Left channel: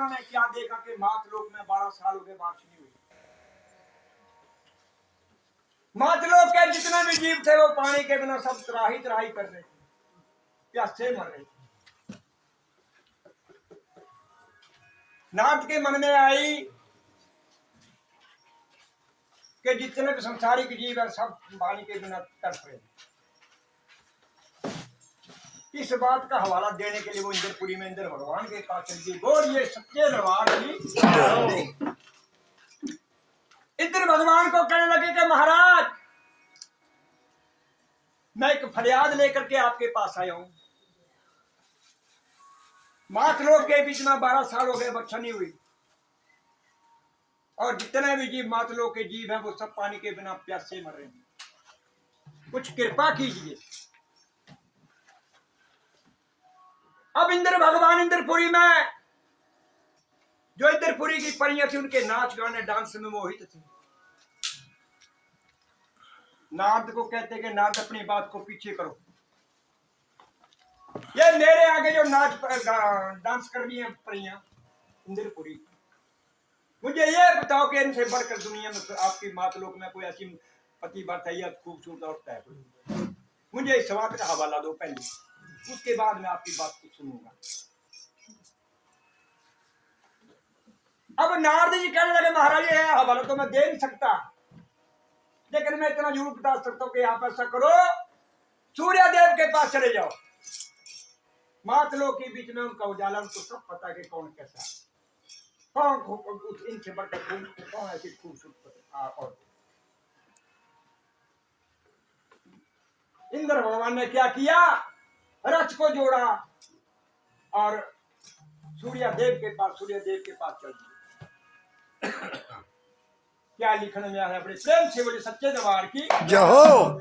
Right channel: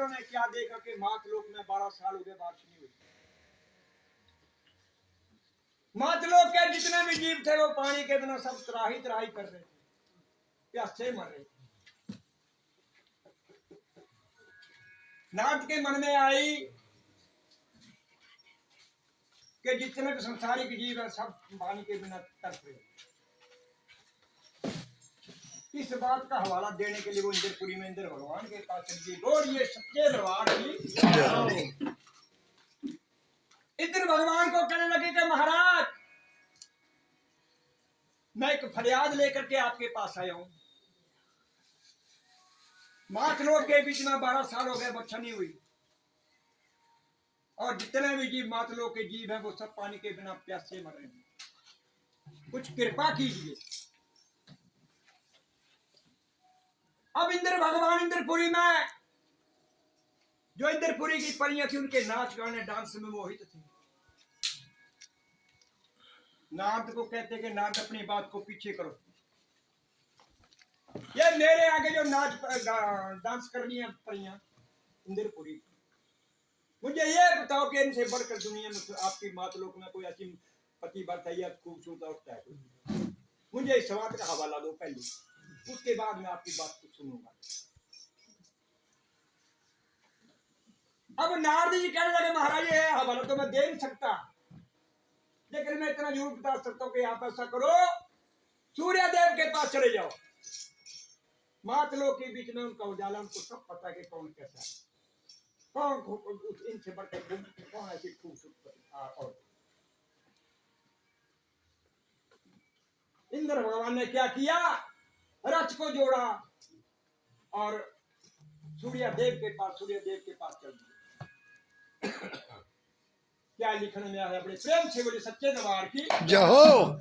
इंद्र ने क्या देखा कि मातलोक में 12 साल हो गए बारिश नहीं हुई। मातलोक के जितने भी जीव थे वो पानी के बिना सब त्राही त्राही कर रहे थे, प्यासे मर रहे थे। नाथ के मन में आई कि जितने भी संसारिक जीव है सब पानी के बिना तड़प रहे। इस बात का हवाला देने के लिए वो इंद्रपुरी में इंद्र भगवान के पास चल गई और ये सच्चे दरबार की इंद्र भगवान को कहने लगे कि महाराज मैं एक फरियाद लेकर के आपके पास आया हूं। मातलोक के बीच में 12 साल हो गए वर्षा नहीं हुई और जितने भी जीव मातलोक के जीव हैं वो सब पानी के बिना प्यासे मर रहे हैं, कुछ कृपा कीजिए। अब इंद्र भगवान इंद्रपुरी में जो इंद्रपुरी की परियां थी उनके नाच गाने डांस में मोहित थे। नारद को कहते कि नारद अपनी बात को पीछे करो, ये मेरे आगे जो नाच डांस कर रही है परियां इंद्रपुरी, मुझे ये बताओ कि इनसे बढ़कर दुनिया में आपकी मातलोक में कोई ऐसी पतिव्रता या खूबसूरत औरत है? मुझे इस बात का हवाला दो पहले, उसके बाद मैं आपकी बात को सुनूंगा। अब नारद जी कहने लगे महाराज ये हवाला तो मैं दे नहीं सकता, लेकिन मैं इतना जरूर बता सकता हूं कि आप ऐसा करो, सूर्य देव के पास चले जाओ। मातलोक के बीच में उनका उजाला, उनको सब पता है कि कौन कैसा है, कौन इनसे बढ़कर कौन ऐसी खूबसूरत और। इंद्र भगवान ने क्या किया, रथ को जोड़ा और सूर्य देव के पास चल दिए। क्या लिखने में आया, बड़े प्रेम से बोले सच्चे दरबार की जय हो।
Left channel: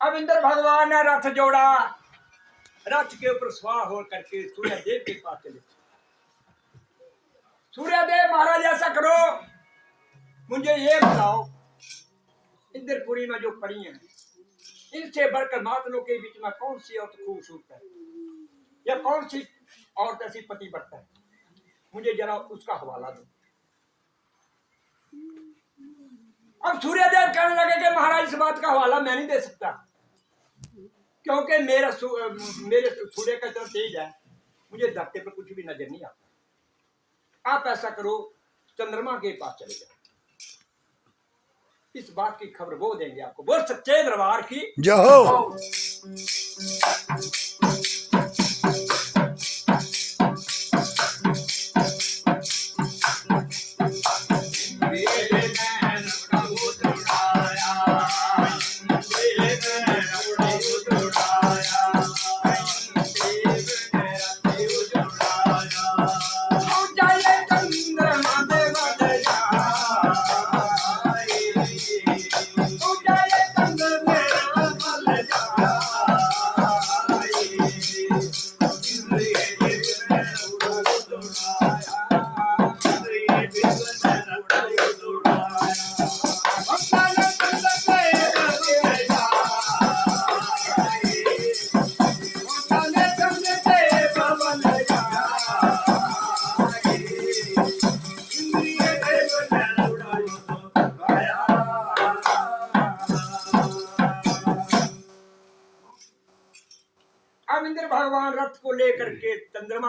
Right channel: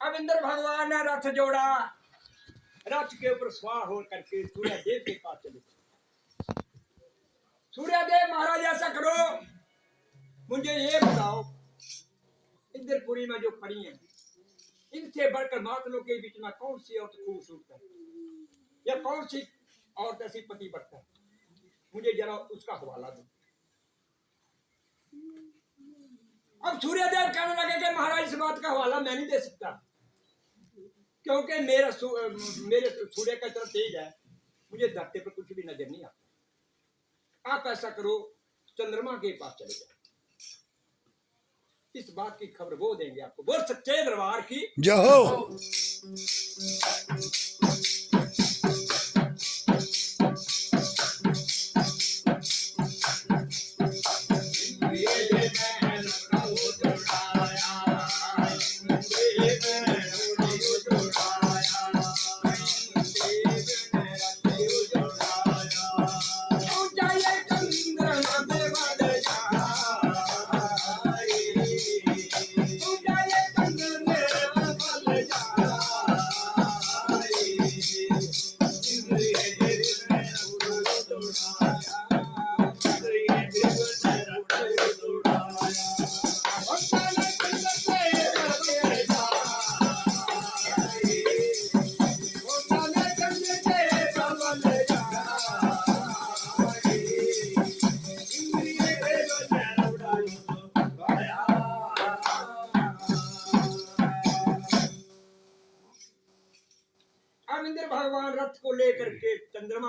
अब इंद्र भगवान ने रथ जोड़ा, रथ के ऊपर सवार हो करके सूर्य देव के पास चले। सूर्य देव महाराज ऐसा करो, मुझे ये बताओ इंद्रपुरी में जो परी हैं इनसे बढ़कर मातलों के बीच में कौन सी औरत खूबसूरत है या कौन सी औरत ऐसी पतिव्रता है, मुझे जरा उसका हवाला दो। अब सूर्यदेव कहने लगे कि महाराज इस बात का हवाला मैं नहीं दे सकता, क्योंकि मेरे सूर्य का चल तेज है, मुझे धरती पर कुछ भी नजर नहीं आता। आप ऐसा करो, चंद्रमा के पास चले जाओ, इस बात की खबर वो देंगे आपको। बोल सच्चे दरबार की जय हो।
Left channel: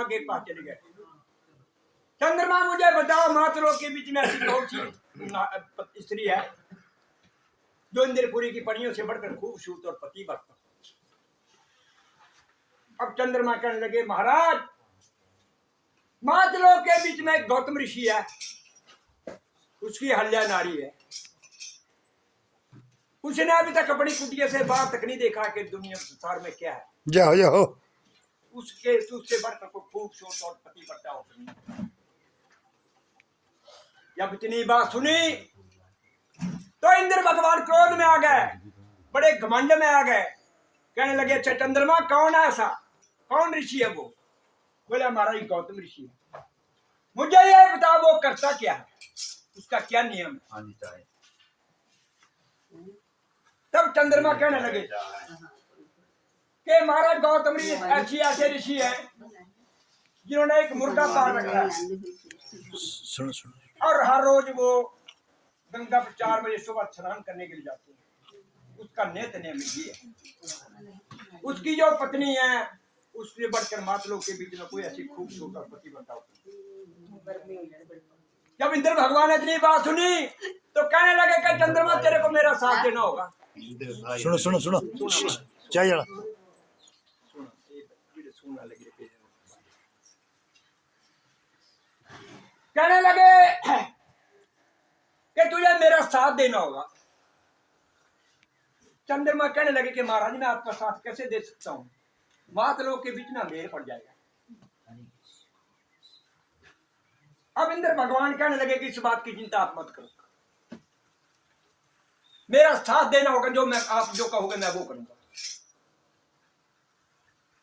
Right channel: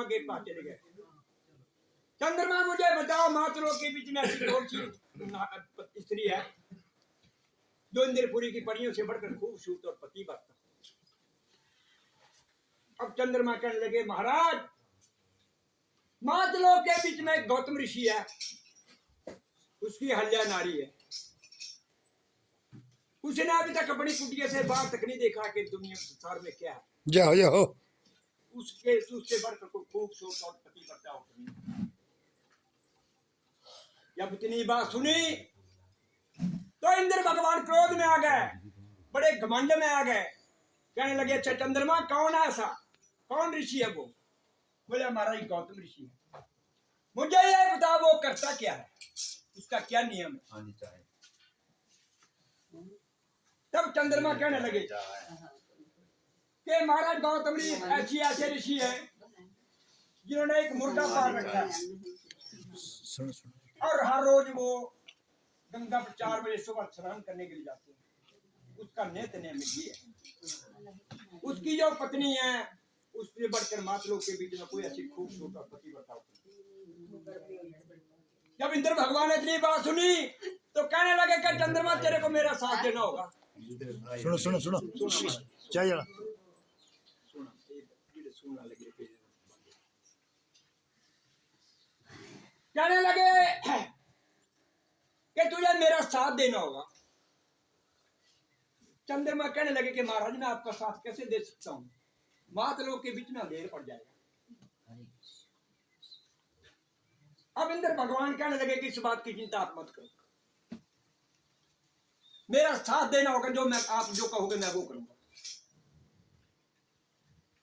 चंद्रमा के पास चले गए। चंद्रमा मुझे बताओ मातरों के बीच में ऐसी कौन सी स्त्री है जो इंद्रपुरी की पनियों से बढ़कर खूबसूरत और पतिव्रता। अब चंद्रमा कहने लगे महाराज मातलों के बीच में एक गौतम ऋषि है, उसकी हल्या नारी है। उसने अभी तक अपनी कुटिया से बाहर तक नहीं देखा कि दुनिया संसार में क्या है। जाओ जाओ उससे बढ़कर कोई खूबसूरत और पतिव्रता होती। जब इतनी बात सुनी तो इंद्र भगवान क्रोध में आ गए, बड़े घमंड में आ गए। कहने लगे अच्छा चंद्रमा कौन है, ऐसा कौन ऋषि है वो? बोले हमारा ही गौतम ऋषि है। मुझे ये बताओ वो करता क्या है, उसका क्या नियम है? तब चंद्रमा कहने लगे कि महाराज गौतम ऋषि ऐसे ऋषि है जिन्होंने एक मुर्गा पाल रखा है सुनो सुनो और हर रोज वो गंगा पर 4 बजे सुबह स्नान करने के लिए जाते हैं। उसका नियत नियम ये है। उसकी जो पत्नी है उससे बढ़कर मातलों के बीच में कोई ऐसी खूबसूरत पति बताओ। जब इंद्र भगवान ने इतनी बात सुनी तो कहने लगे कि चंद्रमा तेरे को मेरा साथ देना होगा। सुनो सुनो सुनो क्या जरा कहने लगे कि तुझे मेरा साथ देना होगा। चंद्रमा कहने लगे कि महाराज मैं आपका साथ कैसे दे सकता हूँ, मातलों के बीच में अंधेर पड़ जाएगा। अब इंद्र भगवान कहने लगे कि इस बात की चिंता आप मत करो, मेरा साथ देना होगा, जो मैं आप जो कहोगे मैं वो करूंगा।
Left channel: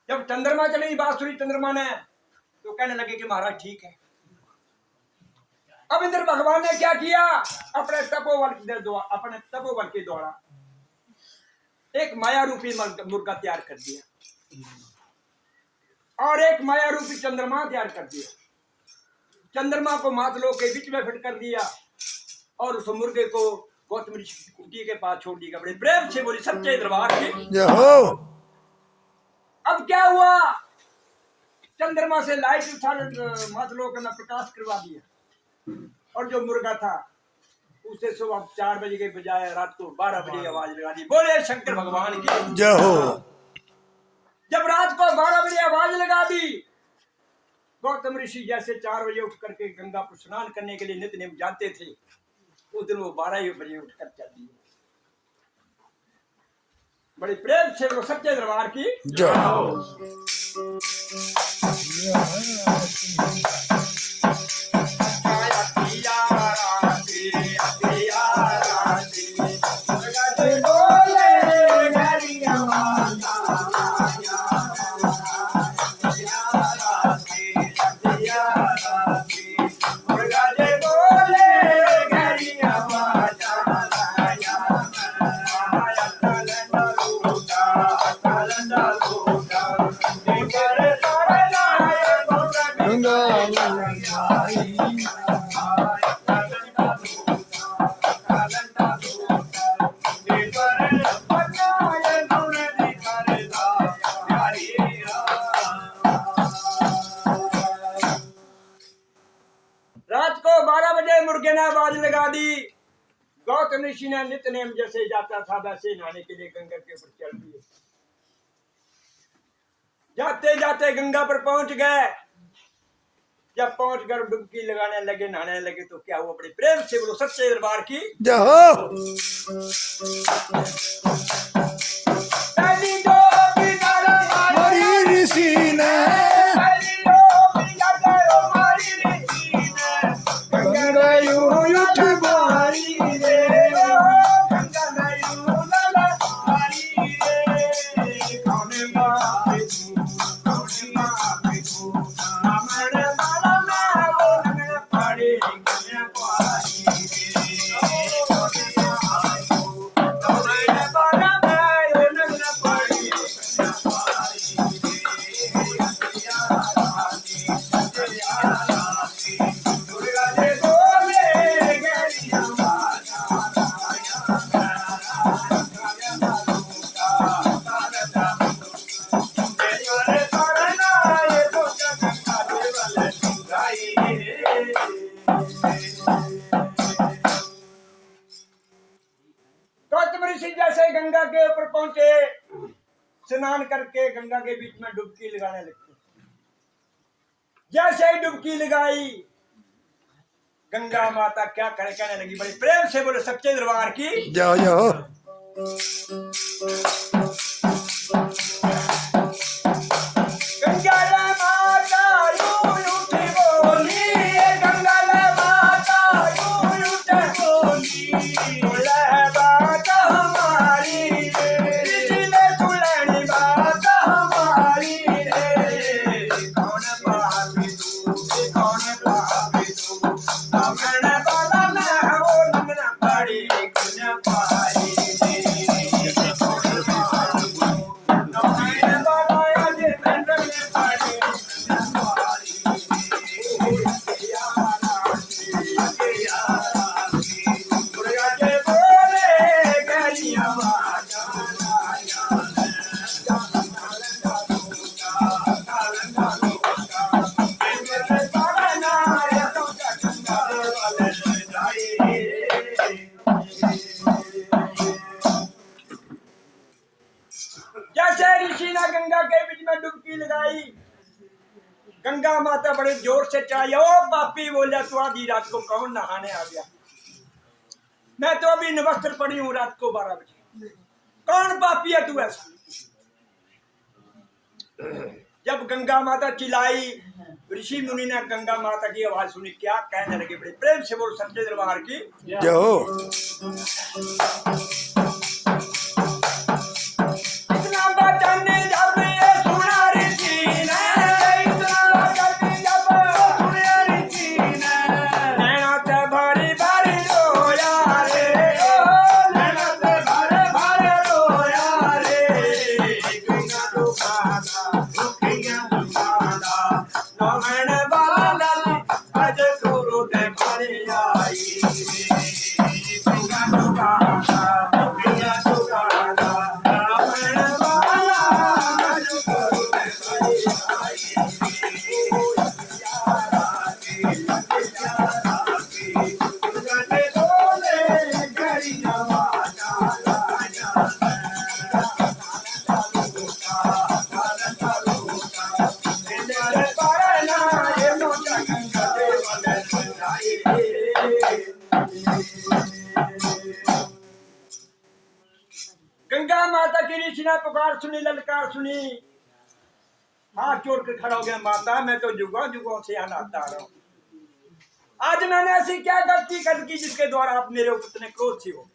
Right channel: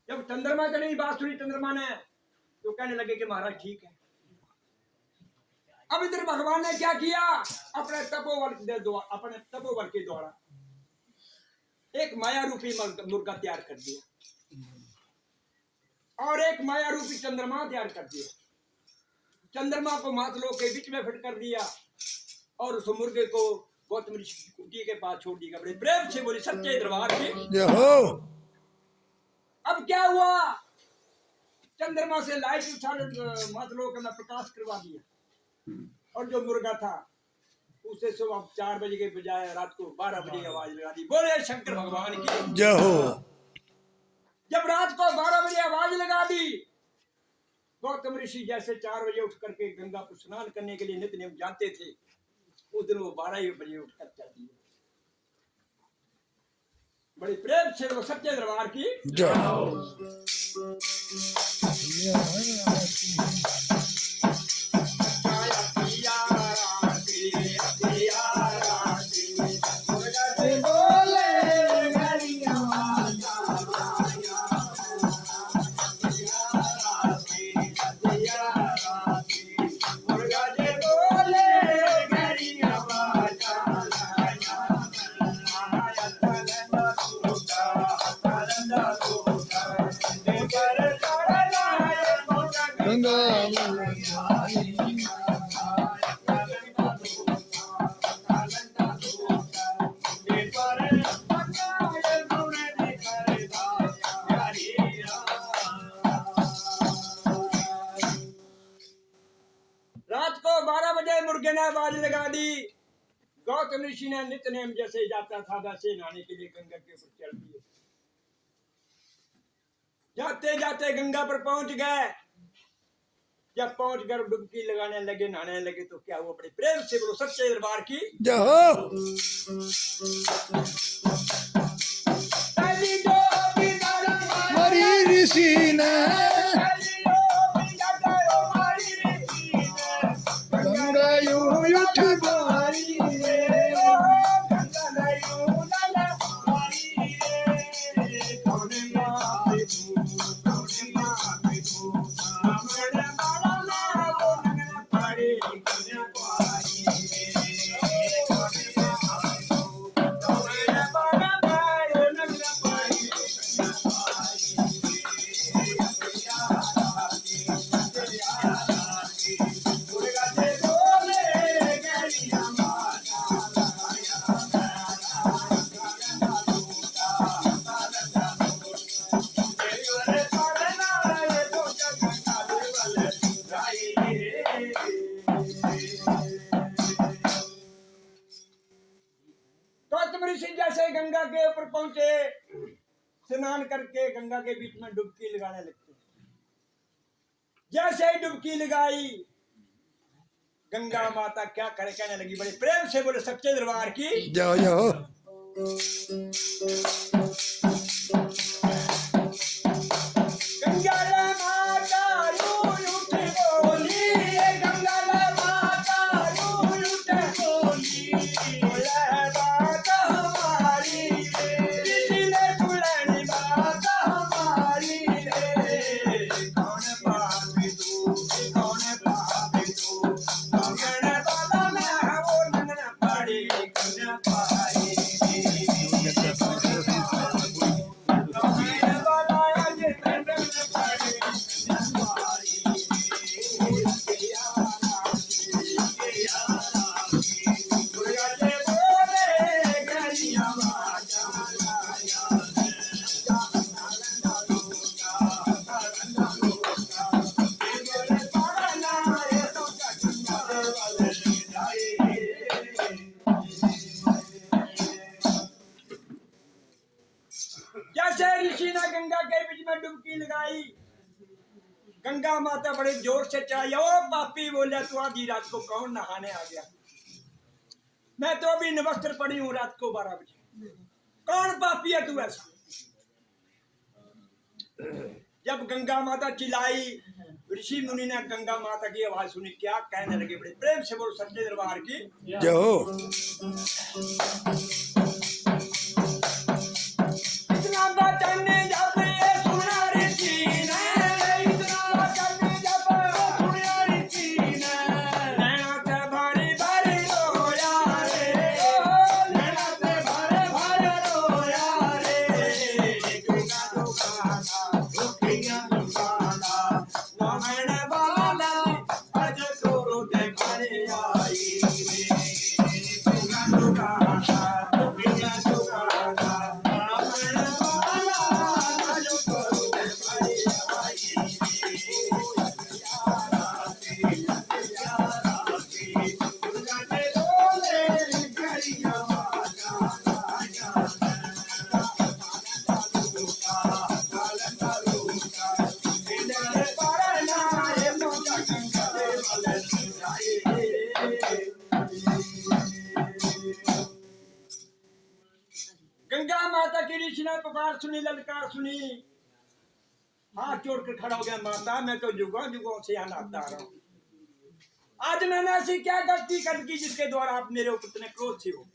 जब चंद्रमा चली बात सुनी चंद्रमा ने तो कहने लगे कि महाराज ठीक है। अब इंद्र भगवान ने क्या किया, अपने तपोबल के द्वारा एक माया रूपी मुर्गा तैयार कर दिया और एक माया रूपी चंद्रमा तैयार कर दिया। चंद्रमा को मातलों के बीच में फिट कर दिया और उस मुर्गे को गौतम ऋषि की कुटी के पास छोड़ दिया। बड़े प्रेम से बोली सच्चे दरबार के। अब क्या हुआ, चंद्रमा से लाइट उठा मातलों का प्रकाश करवा दिया और जो मुर्गा था उसे सुबह 4 बजे के बजाय रात को 12 बजे आवाज लगा दी। बोले शंकर भगवान की जय हो। जब रात को 12 बजे आवाज लगा दी, गौतम ऋषि जैसे 4 बजे उठ करके गंगा पर स्नान करने के लिए नित्य नियम जानते थे, उस दिन वो 12 बजे उठकर चल दिए। बड़े प्रेम से वो सच्चे दरबार की गौतम ऋषि ने नित्य नेम जैसे जाता था वैसे नहाने के लिए गंगा के ऊपर चल दिए। जाते जाते गंगा पर पहुंच गए। जब पहुंच कर डुबकी लगाने लगे, नहाने लगे तो क्या हुआ, बड़े प्रेम से बोलो सच्चे दरबार की ऋषि ने करके गंगा के बीच में डुबकी लगाने लगती। जैसे ही डुबकी लगाई, गंगा माता क्या कहने लगी, बड़े प्रेम से बोले, सच्चे दरबार की जाओ जाओ। गंगा माता यूं उठी बोली, गंगा माता यूं उठी बोली, बोले बात हमारी रे, तुलनी बात हमारी रे, कौन पापी तू, कौन पापी तू, हमने बोला मैं हो लगना पड़ी कुछ पाई रे, कौन पापी तू, हमने बोला ये लगना पड़ी कुछ पाई रे, दुर्गा के बोले गरिया जैसे ऋषि ने गंगा के बीच में डुबकी लगाई, गंगा माता बड़े जोर से चिल्लाई, ओ पापी बोला, तू आधी रात को कौन नहाने आ गया? मैं तो अभी नवस्त्र पड़ी हूँ रात को 12 बजे, कौन पापी है तू ऐसा? जब गंगा माता चिल्लाई, ऋषि मुनि ने गंगा माता की आवाज सुनी, क्या कहने लगे, बड़े प्रेम से बोलो, सच्चे दरबार की जाओ। इतना वचन जब ये सुना ऋषि ने, इतना वचन जब सुना ऋषि ने, नैना से भरी भरी रोया रे, ओ नैना से भरी भरी रोया रे, गंगा दुखाना दुखिया दुखाना, नमन बाला आज गुरु ते भरी आई रे, गंगा दुखाना दुखिया दुखाना, नमन बाला आज गुरु ते भरी आई रे, दुर्गा के बोले गरिया गंगा माता की ऋषि ने पुकार सुनी, ललकार सुनी, हाथ जोड़ कर खड़ा हो गया, माता मैं तो जुगों जुगों से यहाँ आता रहा हूँ, आज मैंने ऐसी क्या गलती कर दी जिसके द्वारा आप मेरे ऊपर इतने क्रोध से हो?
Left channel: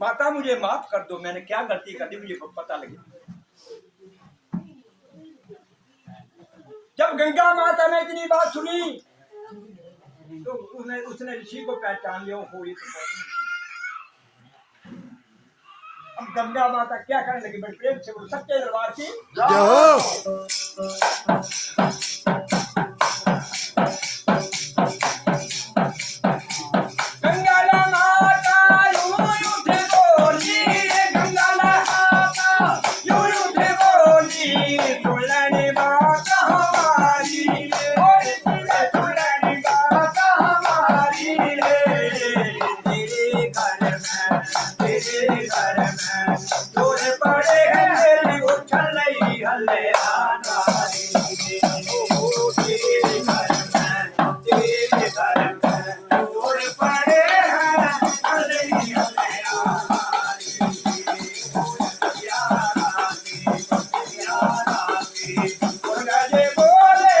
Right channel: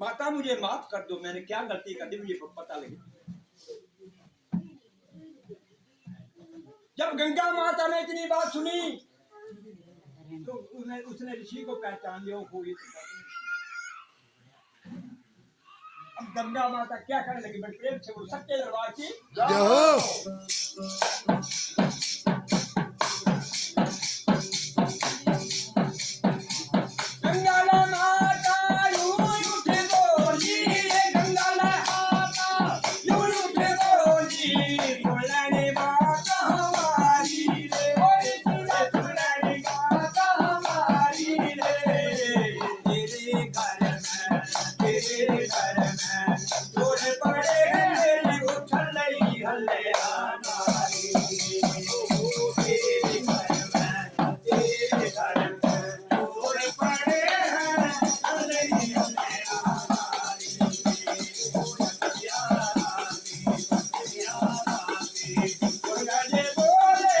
माता मुझे माफ कर दो, मैंने क्या गलती कर दी मुझे पता लगे। जब गंगा माता ने इतनी बात सुनी तो उसने ऋषि को पहचान लिया, हो ये तो बात नहीं। अब गंगा माता क्या करने लगी, बड़े प्रेम से बोलो, सच्चे दरबार की जाओ। गंगा माता यूं उठ बोली, गंगा माता यूं उठ बोली, तुलनी बात हमारी रे, तुलनी बात हमारी रे, तेरे घर में दूर पड़े मेरी उछल नहीं हल्ले आना रे, ओ तेरे घर में दूर पड़े हैं हल्ले नहीं हल्ले आना रे, यारा की दुर्गा जी बोले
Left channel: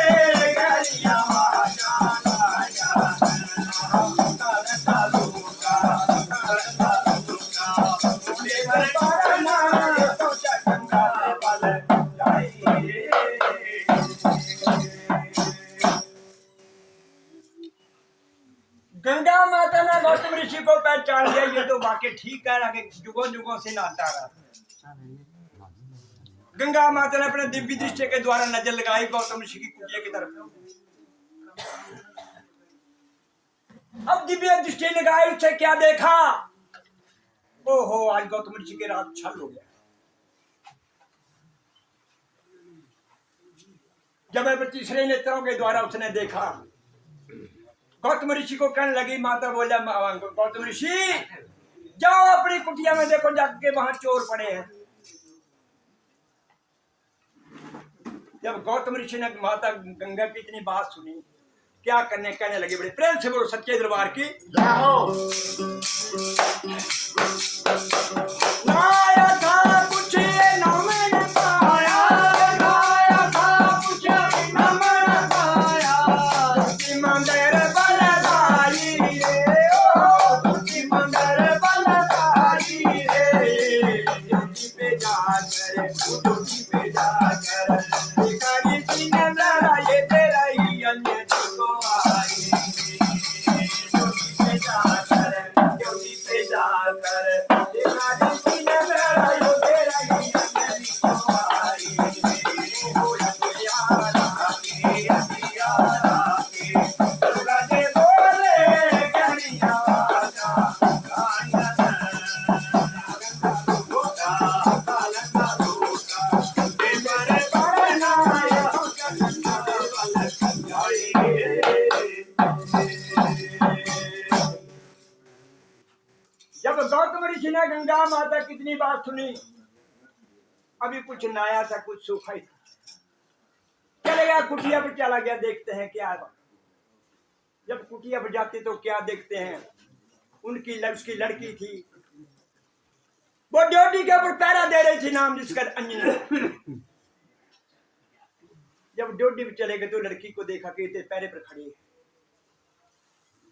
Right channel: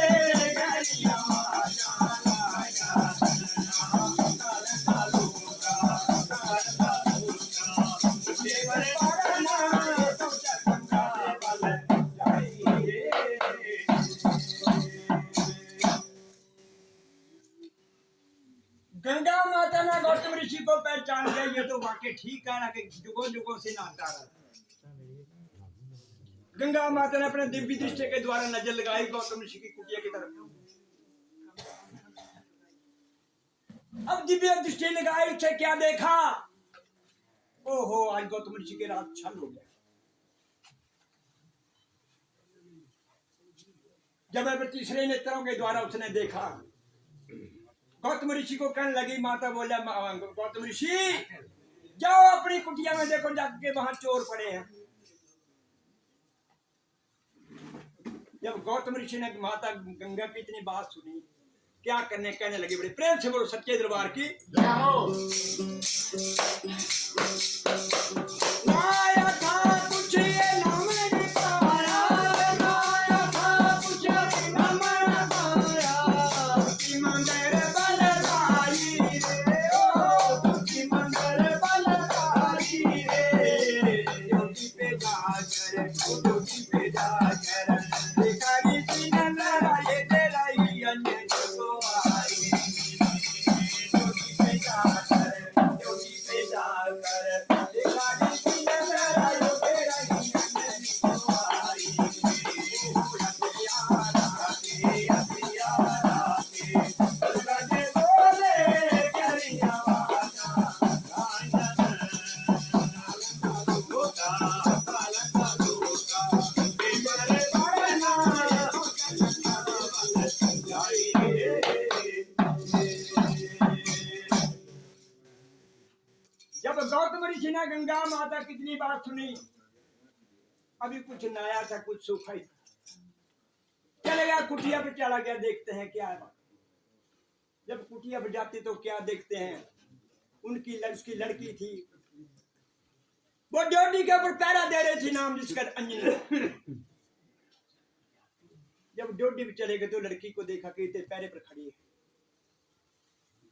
गरिया गंगा माता ने गौतम ऋषि को पहचान लिया, ये तो वाकई ठीक कह रहा कि जुगों जुगों से नहाता रहा। गंगा माता ने अपने दिव्य दृष्टि के द्वारा नजर लगाई गौतम ऋषि की कुटिया की तरफ। अब दिव्य दृष्टि लगाई से क्या देखा, ओहो आज गौतम ऋषि के रात छल हो गया। जब मैं तीसरे नेत्रों के द्वारा उसने देखा, गौतम ऋषि को कहने लगी, माता बोला गौतम ऋषि जाओ अपनी कुटिया में देखो, जाके वहां चोर पड़े हैं। जब गौतम ऋषि ने माता गंगा की इतनी बात सुनी, क्या करने, कहने लगे, बड़े प्रेम से बोलो सच्चे दरबार की लाया था कुछ ये ना मैंने पाया, लाया था कुछ ना मैंने पाया, तुझी मंदिर बलदारी रे, ओ तुझी मंदिर बलदारी रे, जोगी पे जाकर, जोगी पे जाकर भिखारी की नजर ये तेरा ही अंजन को आई, जोगी पे जाकर, जोगी पे जाकर भिखारी की नजर ये तेरा ही अंजन को आई, ओ हथियारा के, हथियारा के दुर्गा दे बोले गहरी आवाज़, जब गौतम ऋषि ने गंगा माता कितनी बात सुनी, अभी कुछ नया था, कुछ सूखा ही था, चले गया कुटिया पे, चला गया, देखते हैं क्या है। जब कुटिया पे जाते तो क्या देखते हैं, उसकी लड़की थी, वो ड्यूटी के ऊपर पहरा दे रही थी, नाम जिसका अंजनी। जब ड्यूटी पे चले गए तो लड़की को देखा कि पैरे पर खड़ी है,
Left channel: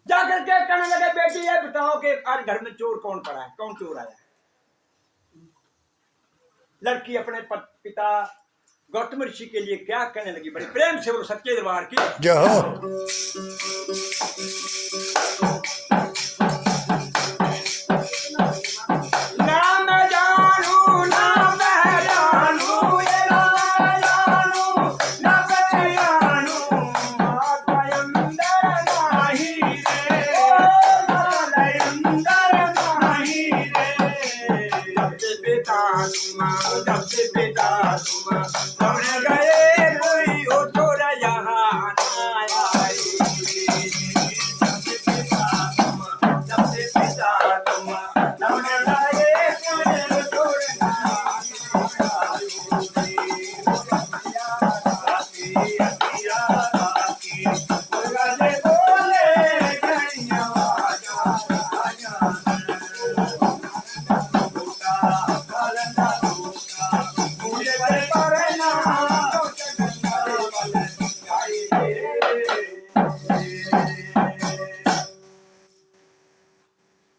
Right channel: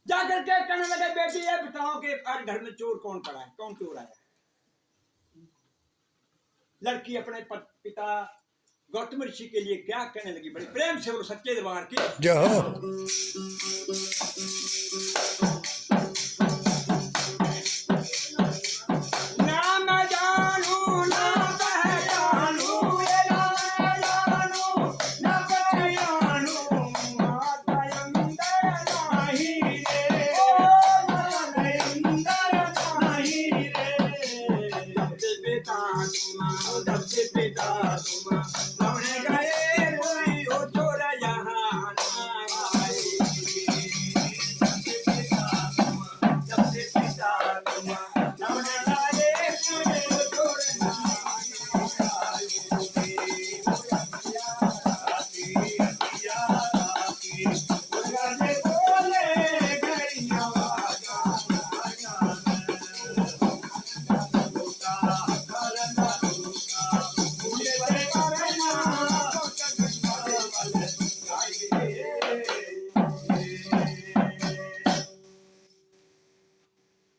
जाकर के कहने लगे, बेटी ये बताओ कि आज घर में चोर कौन पड़ा है, कौन चोर आया है। लड़की अपने पिता गौतम ऋषि के लिए क्या कहने लगी, बड़े प्रेम से बोलो सच्चे दरबार की जय हो।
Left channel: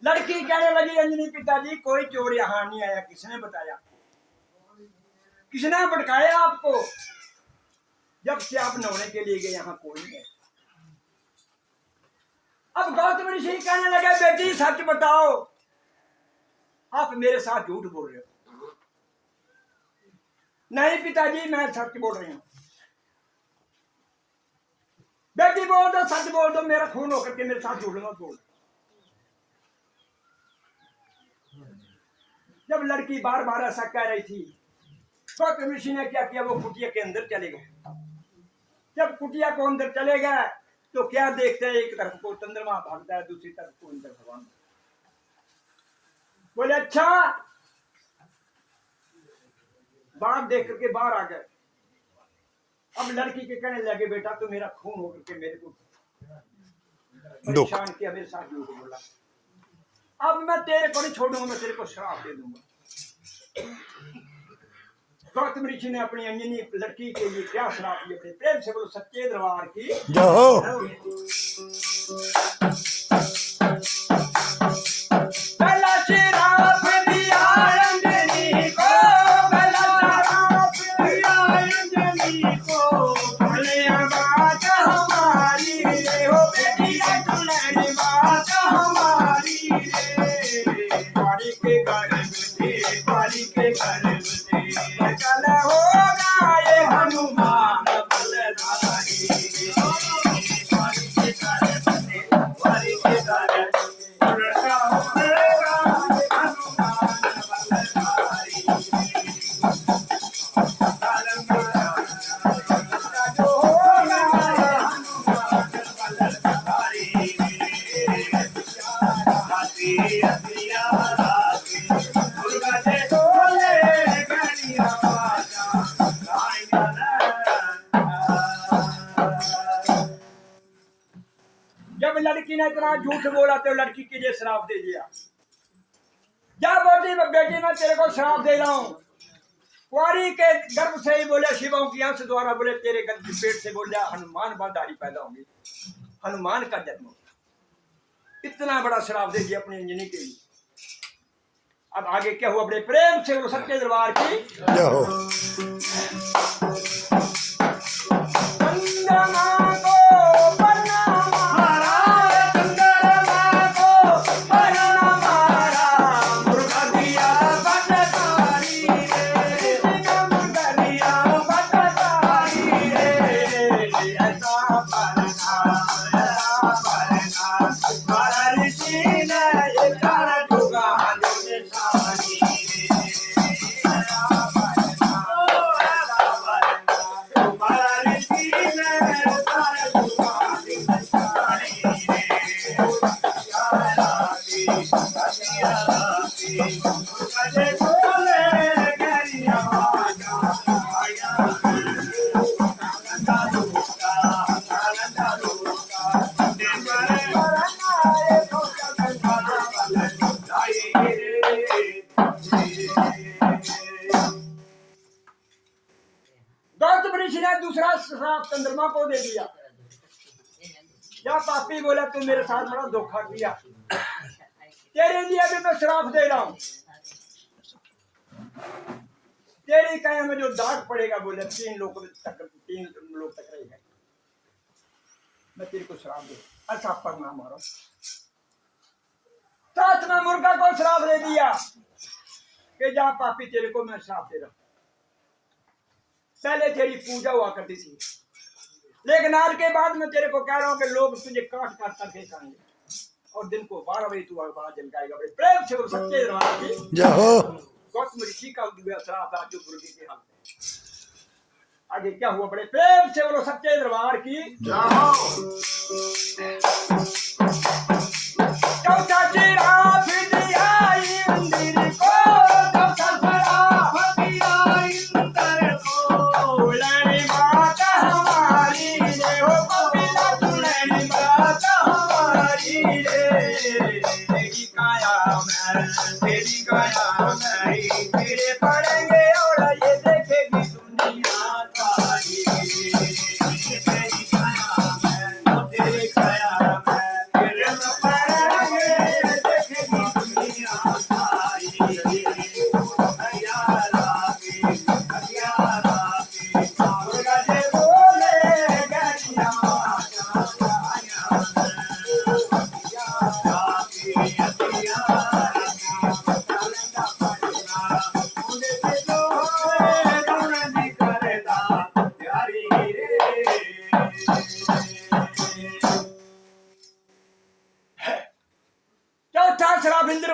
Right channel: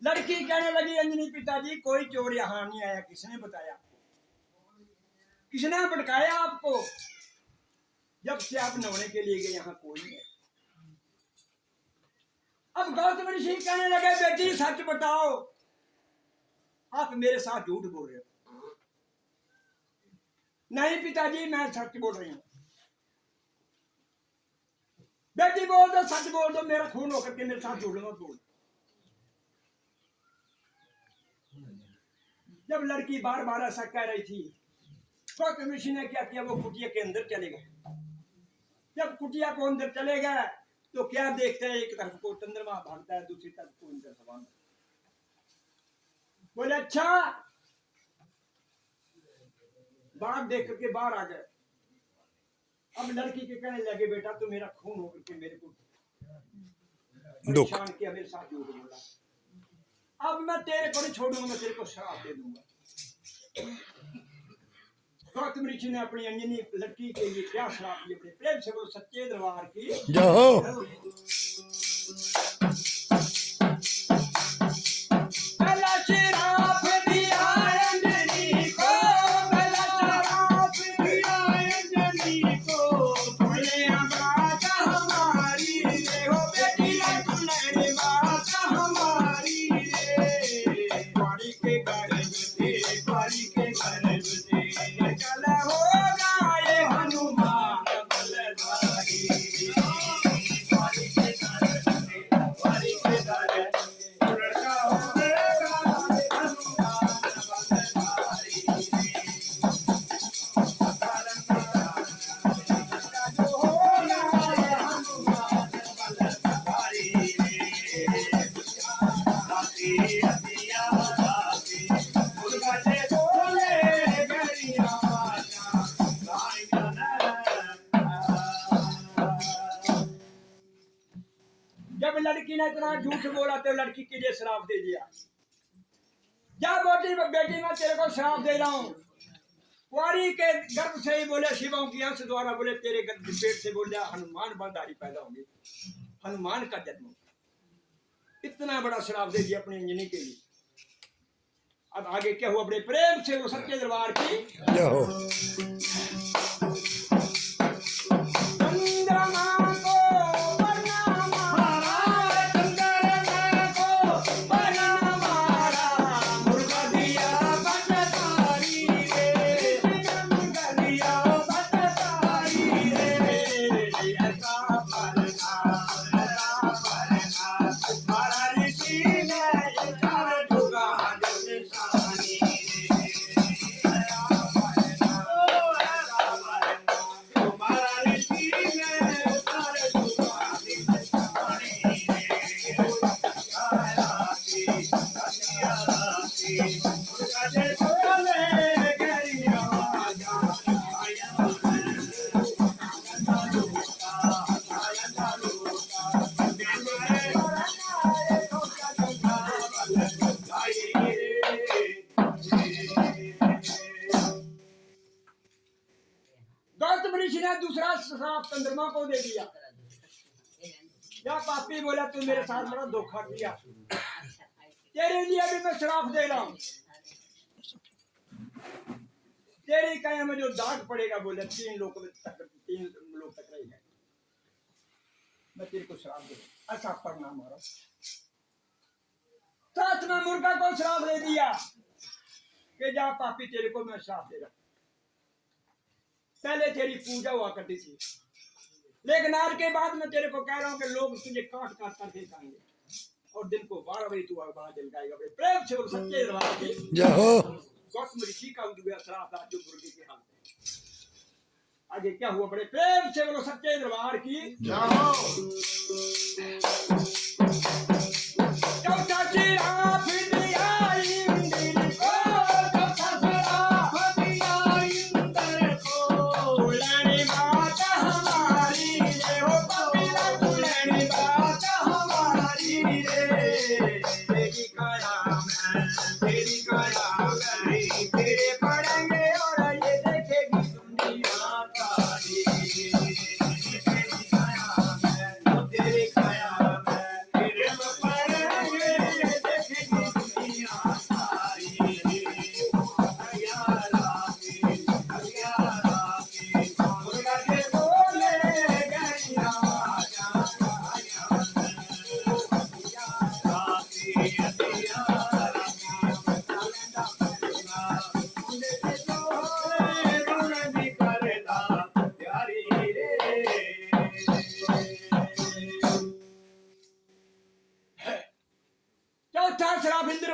लड़की कहने लगी, अंजनी पिताजी कोई चोर यहाँ नहीं आया, किसने बताया, किसने भटकाया आपको, जब से आप नहाने के लिए गए यहाँ कोई नहीं है। अब गौतम ऋषि कहने लगे, बेटी सच बताओ, आप मेरे साथ झूठ बोल रहे हो। नहीं पिताजी मैं सच बोल रही हूँ। बेटी बोल दो, सच बोल दो, मेरा खून होकर के मेरे साथ झूठ मत बोल। जब लड़की बार बार ऐसा कह रही थी, गौतम ऋषि ने क्या किया, वो कुटिया के अंदर चले गए। जब कुटिया को अंदर चले गए तो क्या देखते हैं, एक तरफ को चंद्रमा भागता है, दूसरी तरफ को इंद्र भगवान। बोले अच्छा, बात देख करके बाहर आ गए। अब लड़की के कहने लगे, बेटा तो मेरा खून होकर के मेरे को परेशान किया, मेरे साथ झूठ बोला, अब मैं तेरे को नहीं छोड़ूंगा, मैं तेरे को श्राप दे दूंगा। गौतम ऋषि ने अपनी अंजनी लड़की के लिए क्या श्राप दिया, प्रेम से बोलो सच्चे दरबार की जय हो। लड़की ने इतना झूठ बोला तो लड़की के लिए श्राप दे दिया। जा बोली बेटी मैं तेरे को श्राप दे रहा हूँ। कुंवारी के गर्भ से ही बोले शिवों की अंश द्वारा बोले तेरे गर्भ पेट से बोल हनुमान बाधारी पैदा होंगे, हनुमान का जन्म होगा। इतना बड़ा श्राप दे दिया अपनी अंजनी के लिए। अब आगे क्या हुआ? बड़े प्रेम से वो सच्चे दरबार की दूसरा श्राप चंद्रमा को दे दिया। या पापी बोला तू मेरे साथ बड़ा धोखा किया, तेरे लिए भी मैं श्राप दे रहा हूं। तेरी काया में जो दाग पड़ेगा बोले 3 लोग तक रहेगा। मैं तेरे को श्राप दे अच्छा परिणाम मारो। सातवां मुर्गा को श्राप दे दिया कि जा पापी तेरे को मैं श्राप दे रहा हूं। पहले तेरी पूजा हुआ करती थी, लेकिन आज के बाद मैं तेरे को कह रहा हूं कि लोग तुझे काट काट करके खाएंगे और दिन को 12 बजे तू बाहर जल जाएगा। बड़े प्रेम से वो सच्चे दरबार के गौतम ऋषि का श्राप आज मुर्गी के हाथ में। आगे क्या हुआ? बड़े प्रेम से वो सच्चे दरबार की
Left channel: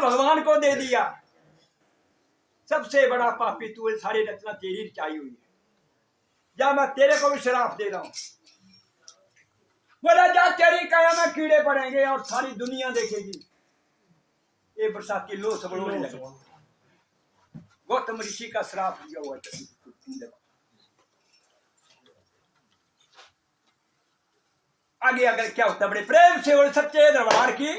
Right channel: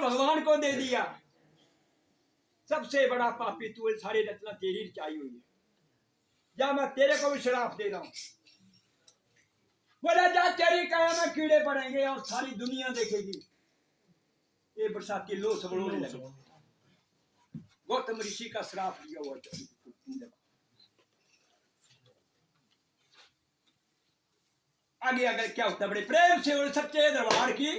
भगवान को दे दिया। सबसे बड़ा पापी तू, सारी रचना तेरी रचाई हुई है, या मैं तेरे को भी श्राप दे रहा हूं। बोला जा तेरी काया में कीड़े पड़ेंगे और सारी दुनिया देखेगी ये बरसात की लो सबलोने लगे। गौतम ऋषि का श्राप दिया हुआ। आगे अगर क्या होता? बड़े प्रेम से और सच्चे दरबार की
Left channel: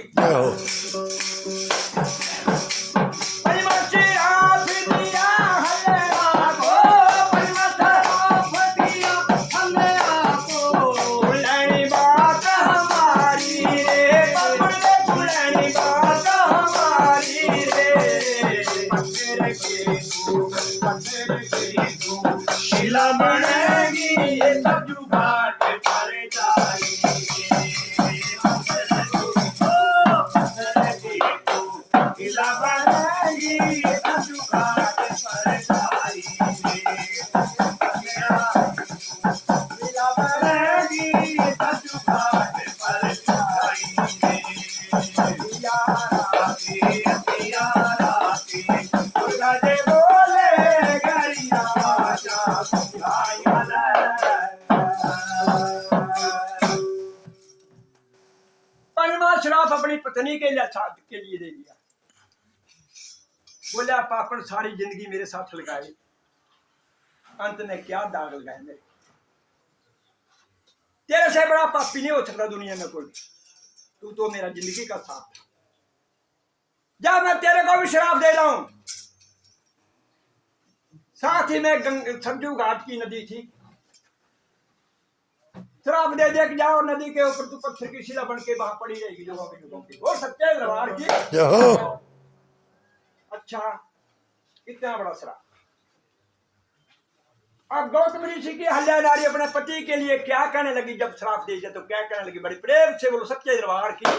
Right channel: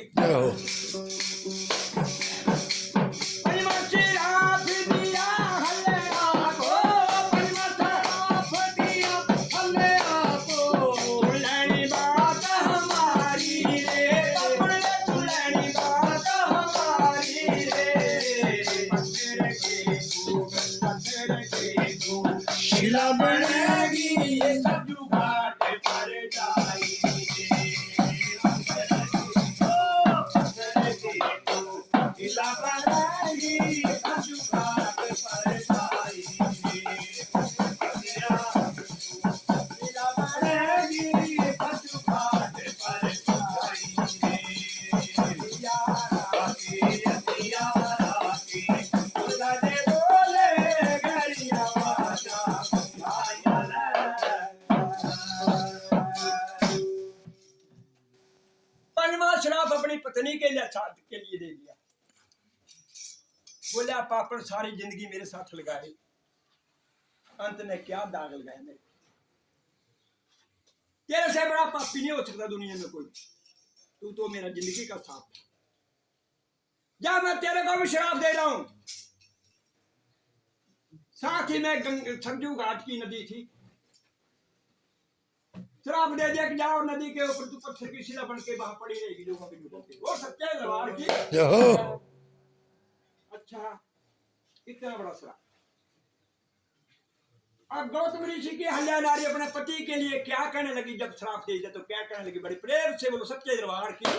श्राप अपनी पत्नी के लिए दे दिया। बोला पापड़ सारी जिंदगी मेरे साथ लगाई, अंत में क्या दाग लगाए मेरे। तेरे से बड़ा पापी नहीं हो सकता दुनिया में कोई। तू तो मेरा जिंदगी का साथ था। जा मैं तेरे को भी शराब दे रहा हूं। साथ ही में सरजू घाट की नदी थी। शराब दे दे के जाओ नदी के ऊपर, तू पत्थर की शिला बन के वहां पड़ी रहेगी जुगों की। वो सच्चे दरबार की। अच्छा, इतना बड़ा शराब। अब गौतम ऋषि की हल्या नारी अपने पति के लिए क्या कहने लगी जब श्राप दे तो क्या कहने लगी? बड़ी प्रेम से बोलो सच्चे दरबार की।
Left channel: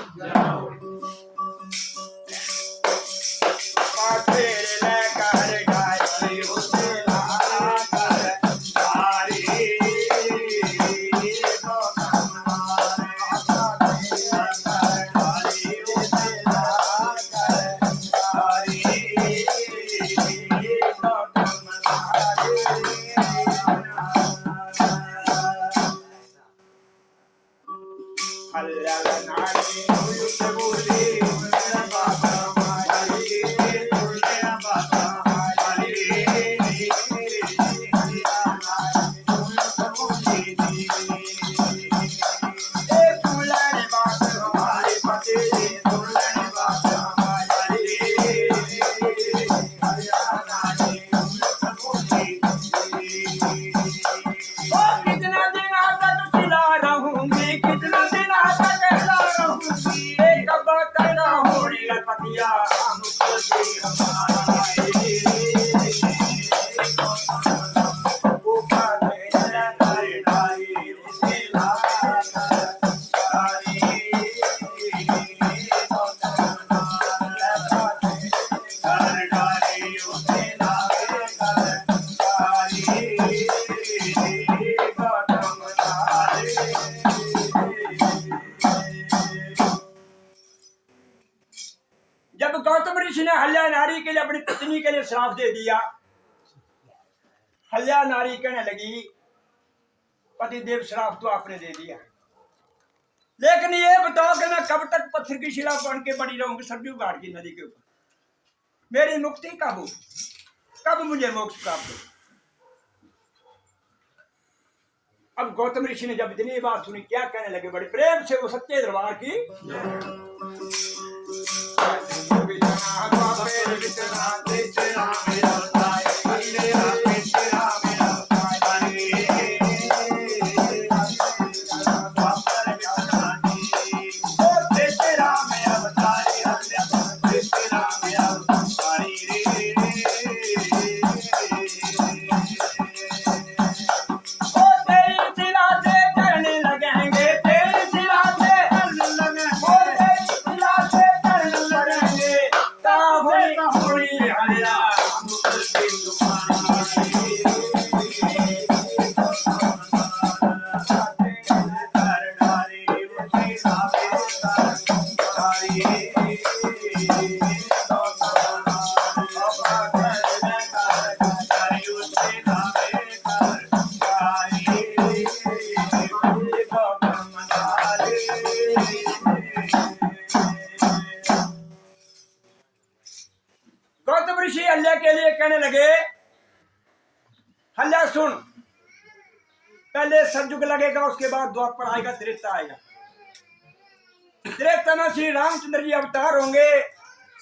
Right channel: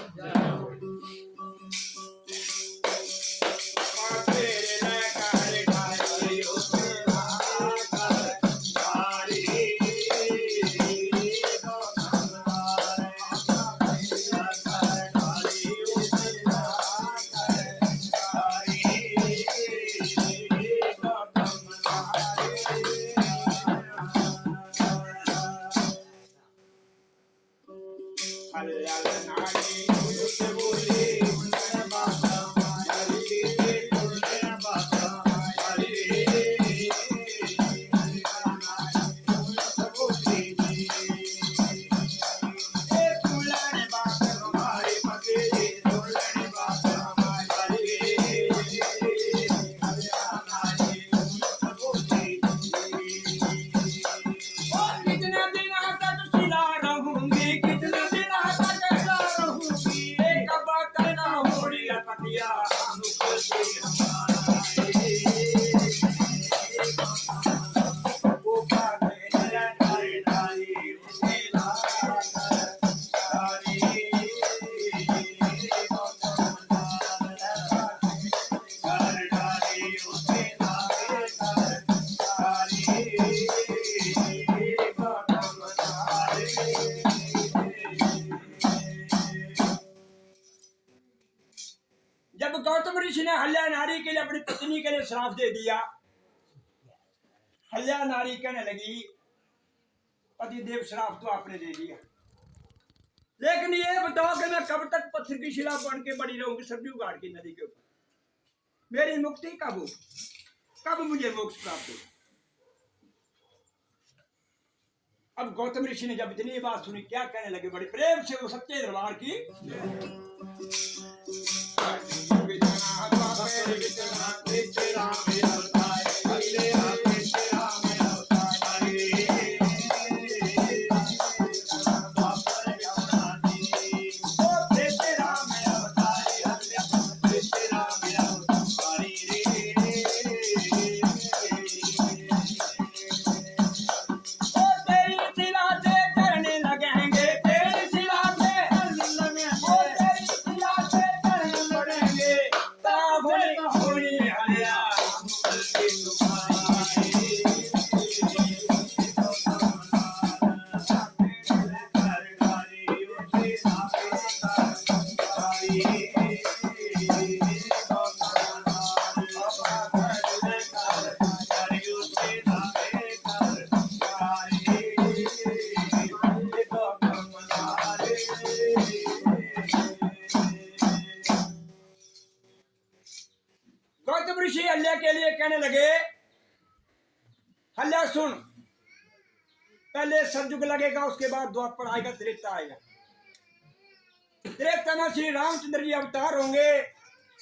जब गौतम ऋषि ने हल्या नारी के लिए अपनी पत्नी के लिए श्राप दे दिया, हल्या नारी कहने लगी पति देव श्राप तो आपने दे दिया, लेकिन ये बताओ कि मैं कब तक पत्थर की शिला बन के पड़ी रहूंगी सरजू घाट की नदी के ऊपर? मेरी मुक्ति कब हो? कब मुझे मोक्ष प्राप्त हो? अब गौतम ऋषि ने जब इतनी बात सुनी क्या कहने लगे? बड़े प्रेम से वो सच्चे दरबार की। गौतम ऋषि हल्या के लिए कहने लगे हल्या सुन, पहले सतयुग लगेगा, उसके बाद द्वापर आएगा, त्रेता आएगा। त्रेता में श्री रामचंद्र जी अवतार होंगे,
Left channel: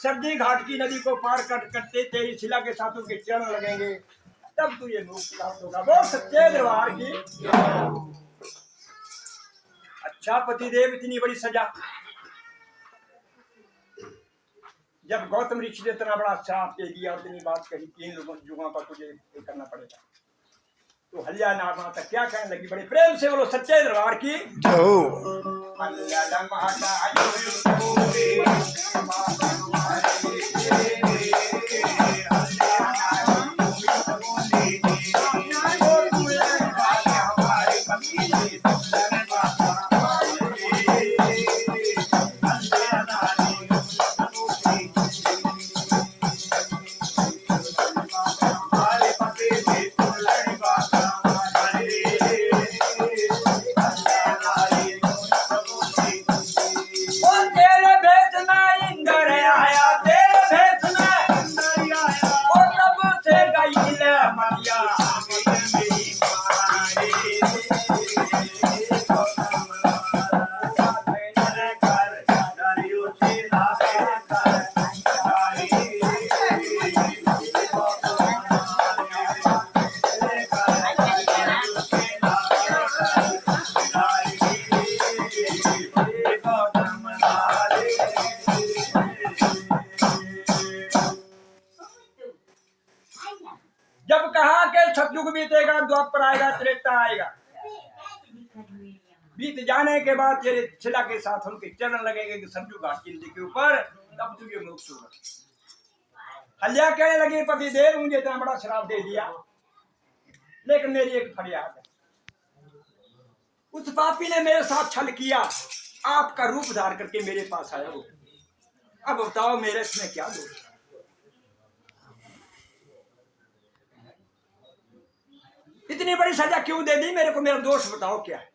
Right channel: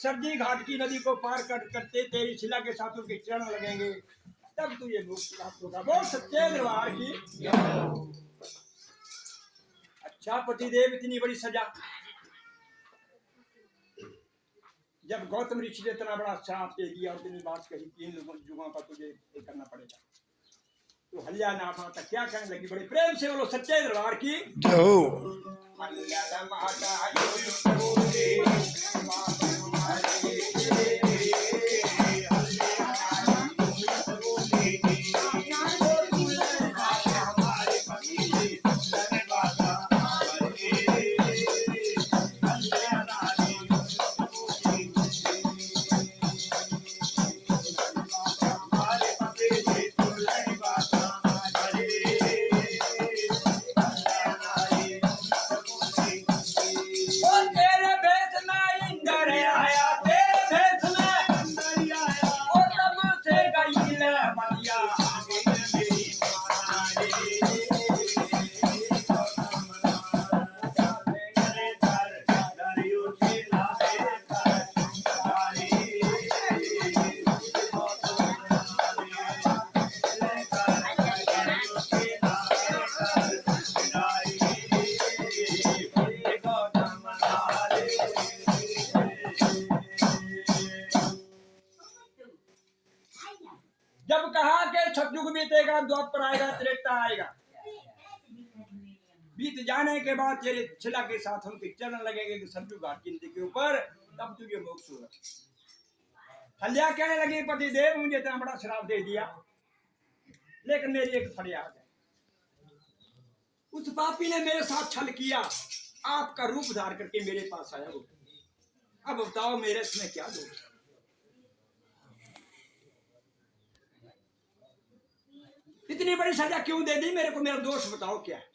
सरजी घाट की नदी को पार करते तेरी शिला के साथ उनके चरण लगेंगे, तब तुझे मोक्ष प्राप्त होगा। वो सच्चे दरबार की। अच्छा पतिदेव, इतनी बड़ी सजा। जब गौतम ऋषि ने इतना बड़ा श्राप दे दिया और इतनी बात कही, 3 युगों का तुझे करना पड़ेगा, तो हल्या नार माता क्या कहने लगी? बड़े प्रेम से बोलो सच्चे दरबार की। हल्या माता बीत जाने के बाद तेरे शिला के साथ उनके चरण लगेंगे कि सरजू घाट की नदी के ऊपर, तब तुझे मोक्ष होगा। हल्या कहने लगी पतिदेव मुझे इतना बड़ा श्राप दे दिया, लेकिन मेरी एक फरियाद है। उस पापी ने मेरे साथ छल किया, आपका रूप धार करके मेरे पास आया हो, अब बताओ मेरे इसमें क्या दोष है? इतनी बड़ी सजा क्यों दे दी मेरे को, मेरा दोष बताओ क्या है?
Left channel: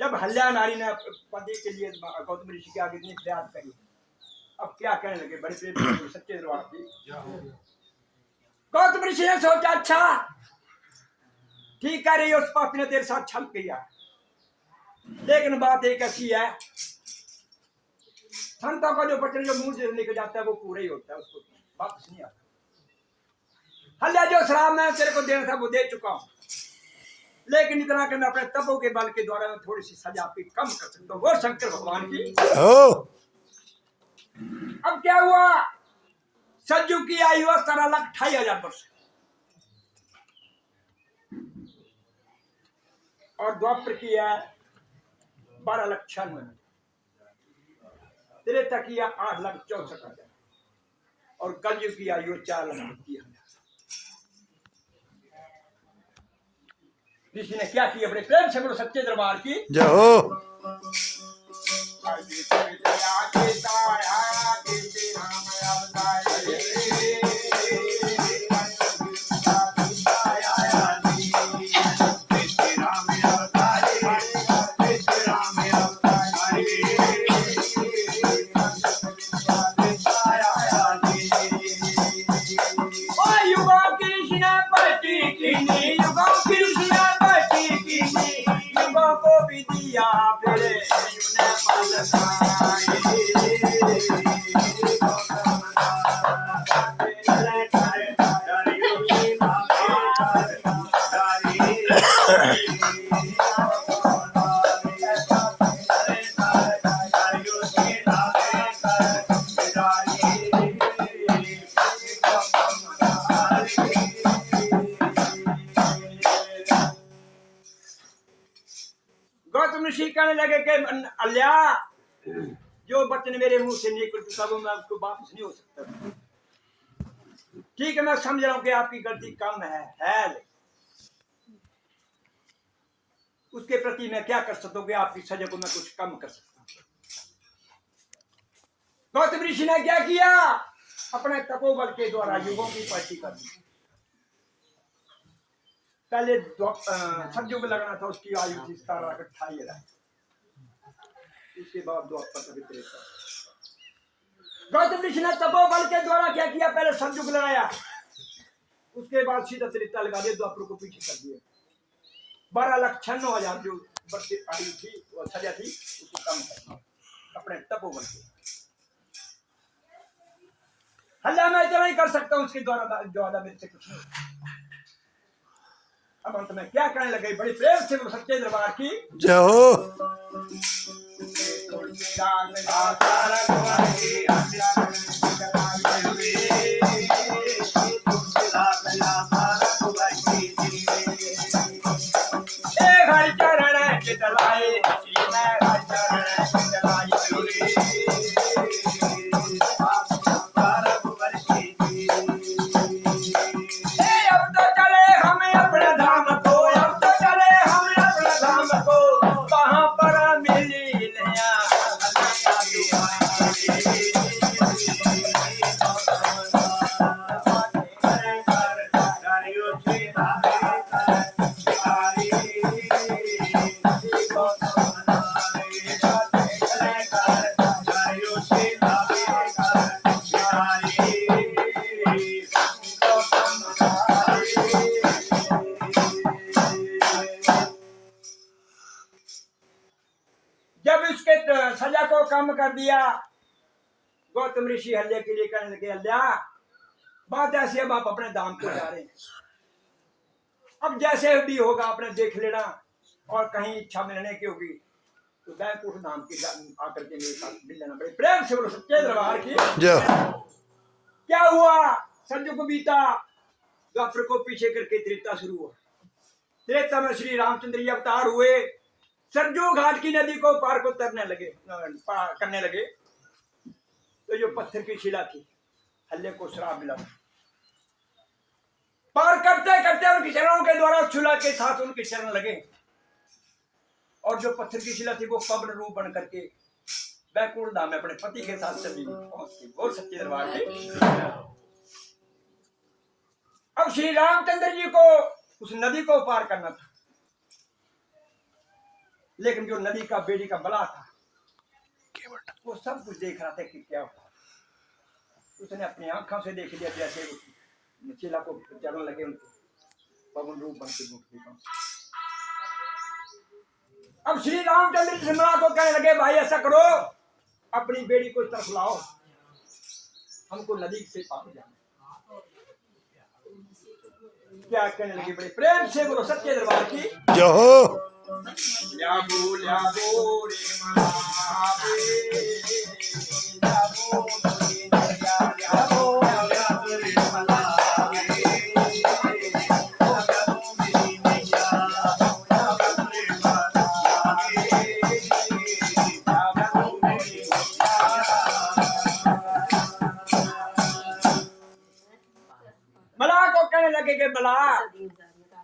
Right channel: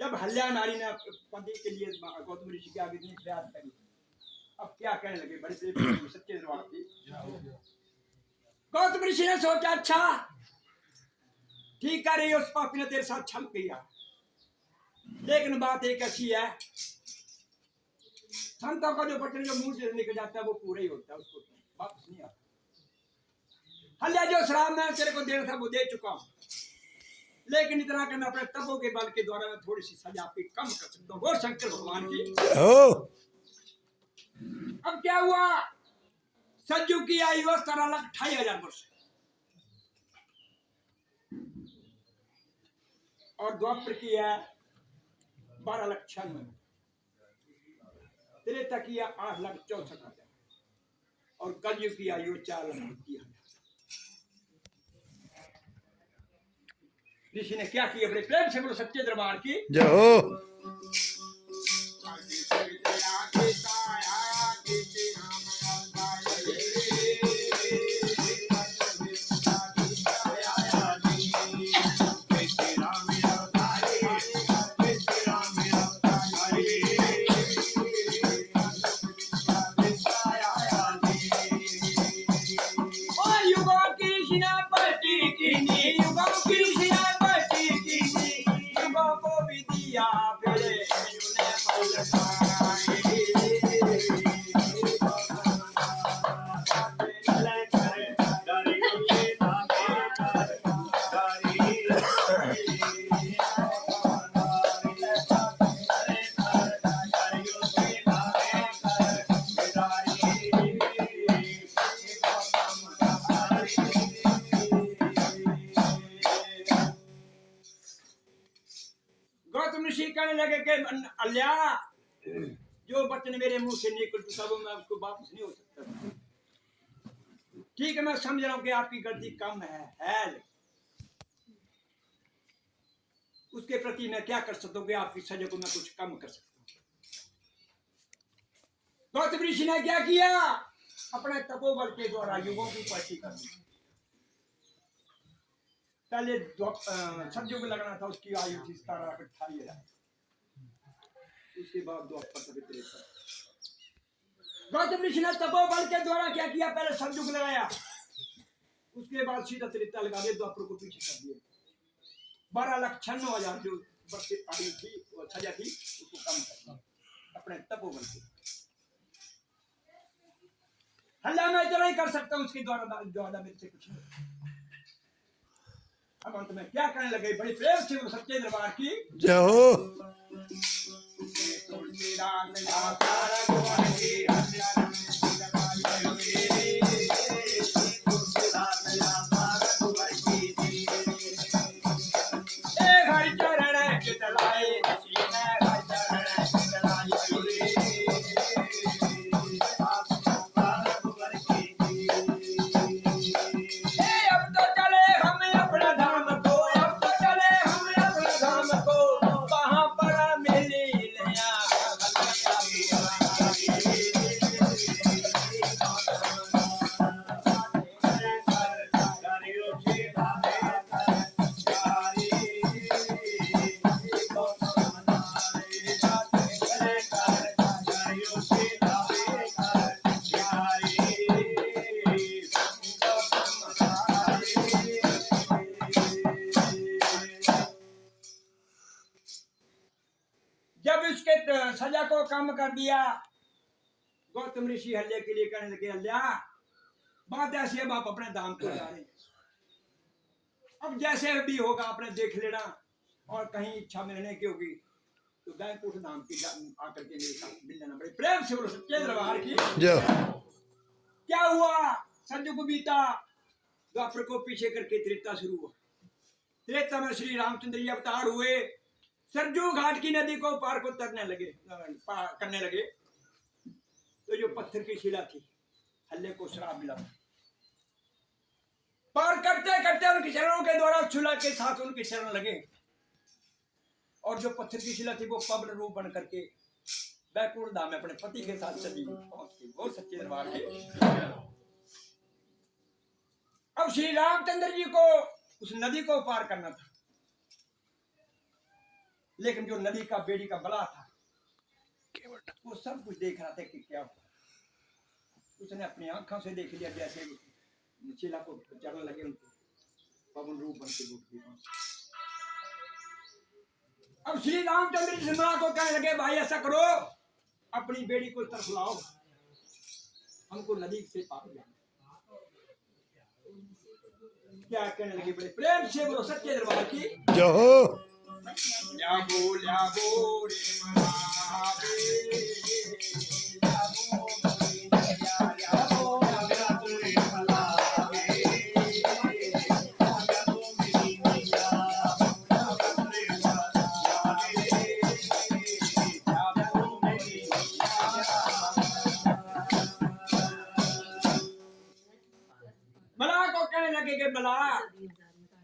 जब हल्या नारी ने पति के लिए गौतम ऋषि के आगे इतनी फरियाद करी, अब क्या कहने लगे, बड़े प्रेम से सच्चे दरबार की। गौतम ऋषि ने सोचा अच्छा ठीक कर रही, उस पापी ने तेरे साथ छल किया, लेकिन बात एक ऐसी है, संतों का जो वचन जो मुंह से निकल जाता है वो पूरा ही होता है, उसको वापस नहीं आता। हल्या जो श्राप मैं तेरे को देना था वो दे चुका हूं, लेकिन इतना कि मैं अपने तपों के बल के द्वारा मैं थोड़ी सी सजा आपकी कम कर सकता हूँ, वो शंकर भगवान की। अब क्या हुआ, सज्जू की आयु 17,28,000 वर्ष और द्वापर की है 12,96,000, त्रेता की है 8,64,000 और कलयुग की आयु 4,30,000। ऋषि ने क्या किया, बड़े प्रेम से बोलो सच्चे दरबार की जय हो। गौतम ऋषि कहने लगे कि अल्या जो वचन मेरे मुंह से निकल चुका वो मैं उसको वापस नहीं हो सकता। ठीक है मैं समझ रहा हूं कि आपकी गलती कम है उसके प्रति मैं क्या कर सकता हूँ कि आपकी सजा को मैं कुछ कम कर सकता हूँ। गौतम ऋषि ने क्या किया, अपने तपोबल के द्वारा युगों की पार्टी कर दी। पहले सतयुग लगना था, उसकी आयु थी 17,28,000, उसके बाद द्वापर। गौतम ऋषि ने तपोबल के द्वारा क्या किया, पहले सतयुग लगाया, उसके बाद सीधा त्रेता लगा दिया, द्वापर को पीछे कर दिया। 12,96,000 जो वर्ष की आयु थी वो सजा थी उसको कम करना अपने तपोबल से। हल्ला मैं इतना ही कर सकता हूं, उसके द्वारा मेरे से कुछ नहीं। अब अंत में क्या कहने लगे, बड़ी प्रेम से वो सच्चे दरबार की जय हो। सजा को कम कर दिया, गौतम ऋषि हल्ले के लिए कहने लगे, हल्या बात ऐसी, अब आप अपने धाम को जा रहे हैं, अब जैसे भी होगा आपने देख लेना, और कहीं इच्छा मिलने की होगी तो बैकुंठ धाम की आकर के मेरे साथ मिल लेना। बड़े प्रेम से बोलो सच्चे दरबार की क्या हुआ, सतयुग बीता, द्वापर को पीछे करके त्रेता शुरू हुआ। त्रेता में श्री रामचंद्र जी अवतार हुए, सरजू घाट की नदी को पार को तरने लगे, पार करने लगे। तो जो पत्थर की शिला थी, हल्ले को श्राप मिला। पार करते करते उनकी चरणों के द्वारा शिला के साथ उनके चरण लगे, और जो पत्थर की शिला थी वो पवन रूप बन करके बैकुंठ धाम में अपने पति के साथ चली पहुंचती। बोल सच्चे दरबार की। अब श्री रामचंद्र जी को उस नदी को पार करना था, लेकिन जो नदी का बेड़ी का बला था वो सब कुछ देख रहा था कि क्या हुआ। उसने अपनी आंखों से देख लिया, जैसे शिला को चरण लगे उनको पवन रूप बन के। अब श्री रामचंद्र जी सिमरा को कहने लगे, भाई ऐसा करो, अपनी बेड़ी को तरफ लाओ, हमको नदी से पार जाना। क्या कहने लगे, बड़े प्रेम से बोलो सच्चे दरबार की जय हो। ल्याबो ल्याबो रे महाबे, ल्याबो रे ल्याबो ल्याबो रे महाबे, मला को कहने लगे कि मला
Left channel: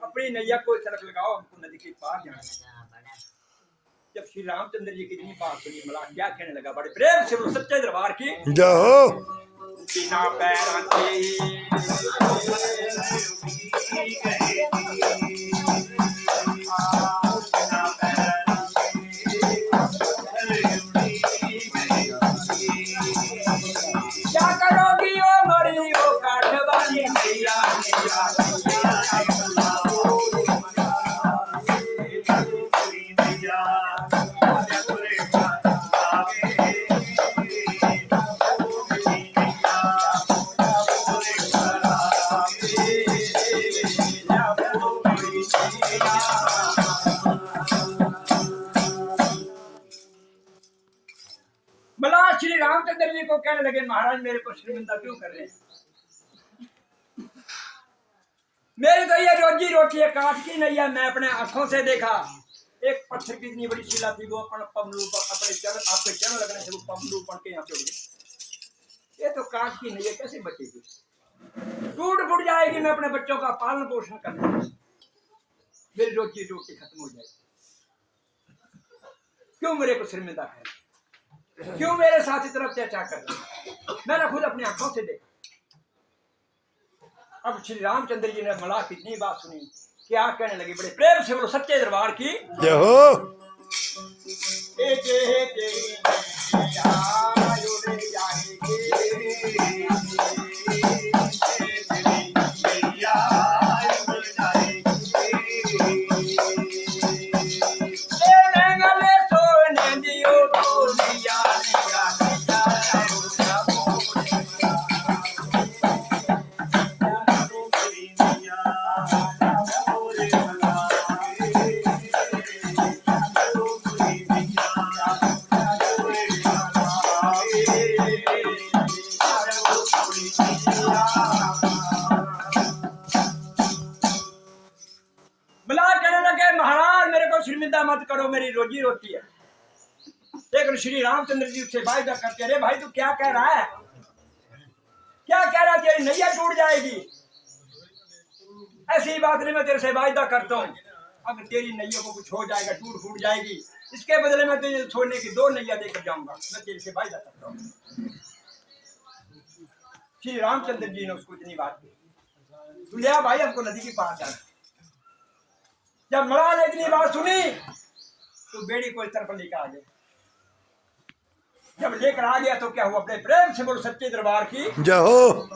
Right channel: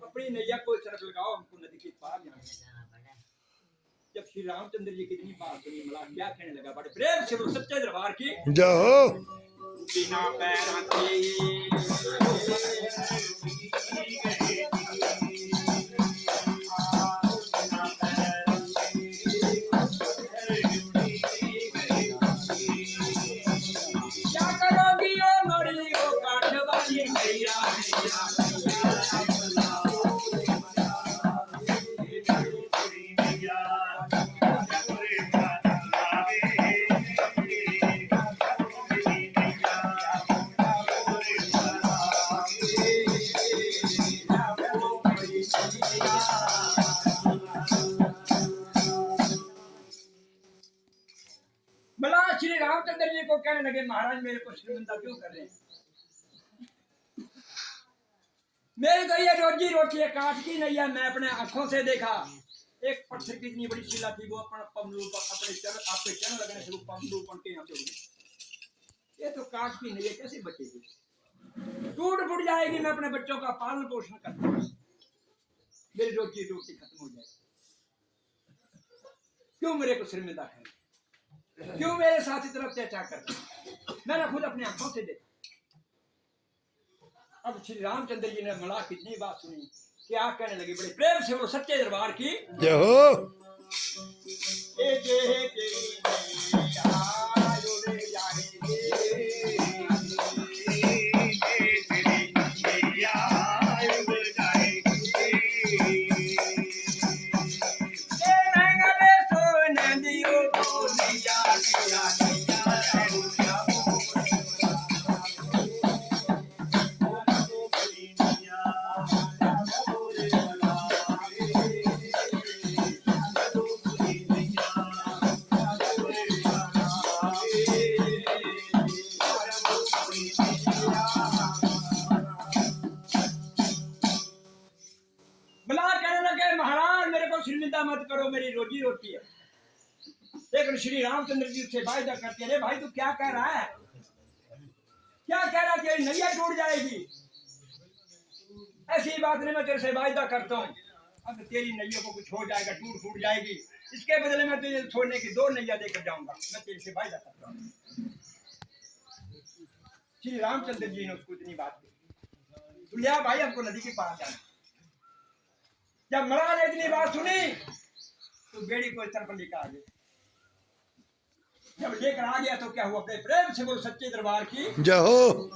अपनी नैया को चरक लगाओ, हमको नदी के पार जाना है। जब श्री रामचंद्र जी की इतनी बात सुनी, मला क्या कहने लगा, बड़े प्रेम से बोलो सच्चे दरबार की जय हो। बिना पैर के क्या करोगी ओ मरी ओ काठवाली मैया, मला श्री रामचंद्र जी को कहने लगे, महाराज मेरे को शर्मिंदा क्यों कर रहे हैं? मेरी तो ये रोजी रोटी है, काट की नहीं है। मैं अपने आंखों से देखा, एक पत्थर की इतनी बड़ी शिला थी, वो अपने चरण, आपके चरण लगने से वो पमलू बन के यहाँ पे उड़ी। ये तो काट की नहीं है, कैसे बचेगी? टूट फूट जाएगी। मैं अपने बच्चों का पालन पोषण करता हूँ, मेरी रोजी रोटी खत्म हो जाएगी। क्यों मेरे को शर्मिंदा है? क्यों मेरे साथ इतना अत्याचार कर रहे हैं? मैंने खुद अपनी आंखों से देखा। अब श्री रामचंद्र जी ने मला कितनी बात सुनी, क्या कहने लगे, बड़े प्रेम से बोलो सच्चे दरबार की जय हो। मत करो, मेरी रोजी रोटी है। लेकिन श्री रामचंद्र जी से वायदा करते, अरे भाई तू क्या कह रहा है, क्या कह रहा है, तेरी नैया टूट जाएगी। ऐसी बात नहीं, मैं तेरे से वायदा करता हूँ, अगर तेरी नैया को कुछ हो जाएगा, टूट फूट जाएगी, इसके बदले में तुझे छोड़ने की 2 नैया देकर जाऊंगा। मैं तेरे से वायदा करता हूँ। श्री रामचंद्र जी ने उसको इतनी बात की, तू लिया भाई हमको नदी के पार जाना। जब मरा ने इतनी बात सुनी तो बेड़ी को इस तरफ लेकर आ गया। जब लेकर आ गया तो क्या हुआ, अपने प्रेम से बोलो सच्चे दरबार की जय हो।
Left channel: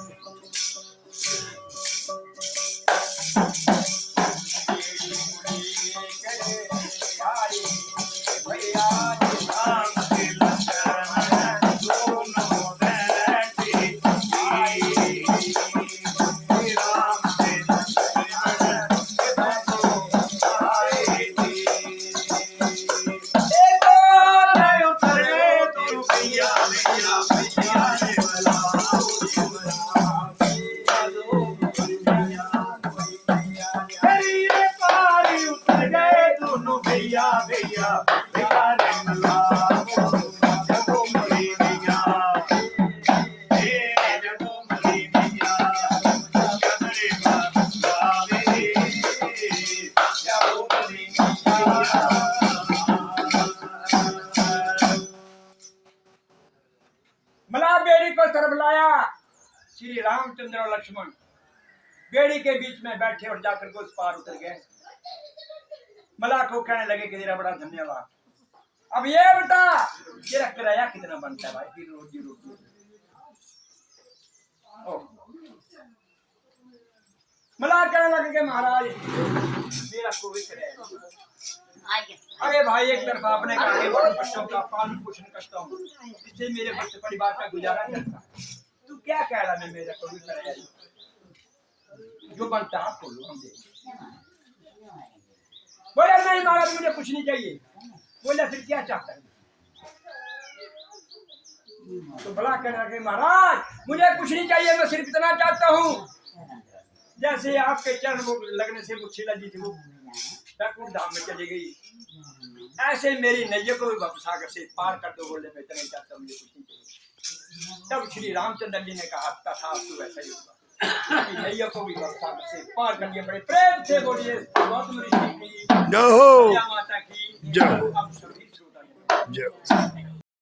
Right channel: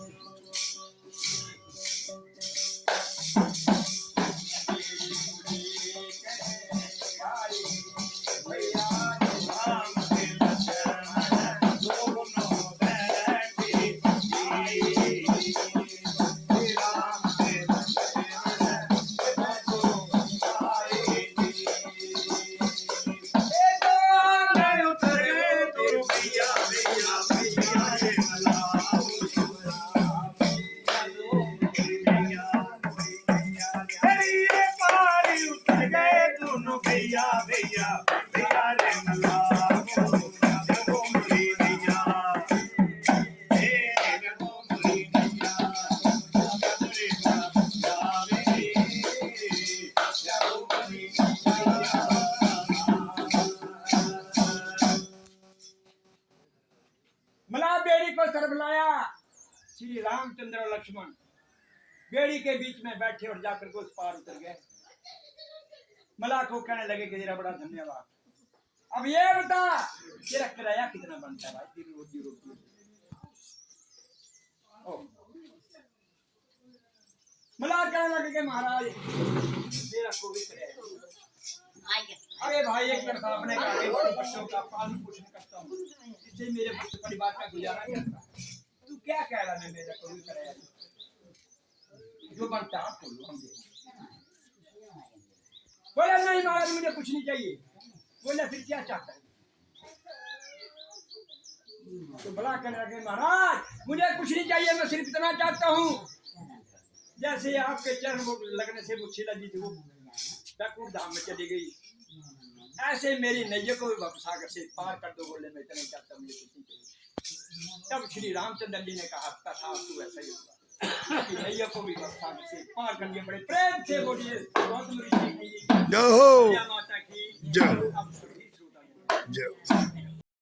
भैया भैया भैया रमला देखो मोरी भैया देखो मोरी भैया कमरे बाबे देखो मोरी भैया मला बेड़ी को तरफ लाया। श्री रामचंद्र और लक्ष्मण बेड़ी के बीच में बैठे और जाकर के उस पार उतर गए। मला को कहने लगे कि तेरा बड़ा धन्यवाद। अब ये बता तेरा किराया कितना बनता है भाई, दिन रोजी रोटी। मला कहने लगे कि महाराज मेरा कोई किराया नहीं। अरे भाई एक तरफ आपने कहा कि बड़े बच्चों का पालन पोषण करता हूँ, इससे मेरे बच्चे परिवार का गुजारा चलता है। तू क्या कह रहा है मेरा कोई किराया नहीं? जो बनता है आप बोलो, हम देंगे। बोले नहीं महाराज मुझे कुछ नहीं चाहिए। बोले फिर क्या चाहता है? तो भला कह रहा महाराज मुझे कुछ नहीं चाहिए, मैं सिर्फ इतना चाहता हूँ जैसे आपके चरण वो लगने से वो शीला जी थी वो बैकुंठ धाम में चली गई, ऐसे मेरी नैया को भी भवसागर से पार कर दो। बोले मैं इतना ही चाहता हूँ, मुझे कुछ नहीं चाहिए। तब श्री रामचंद्र जी ने कहा था तू वैसा ही होगा, नैया को भी भवसागर से पार कर दिया। बड़े प्रेम से बोलिए बहुत जय हो माता की जय।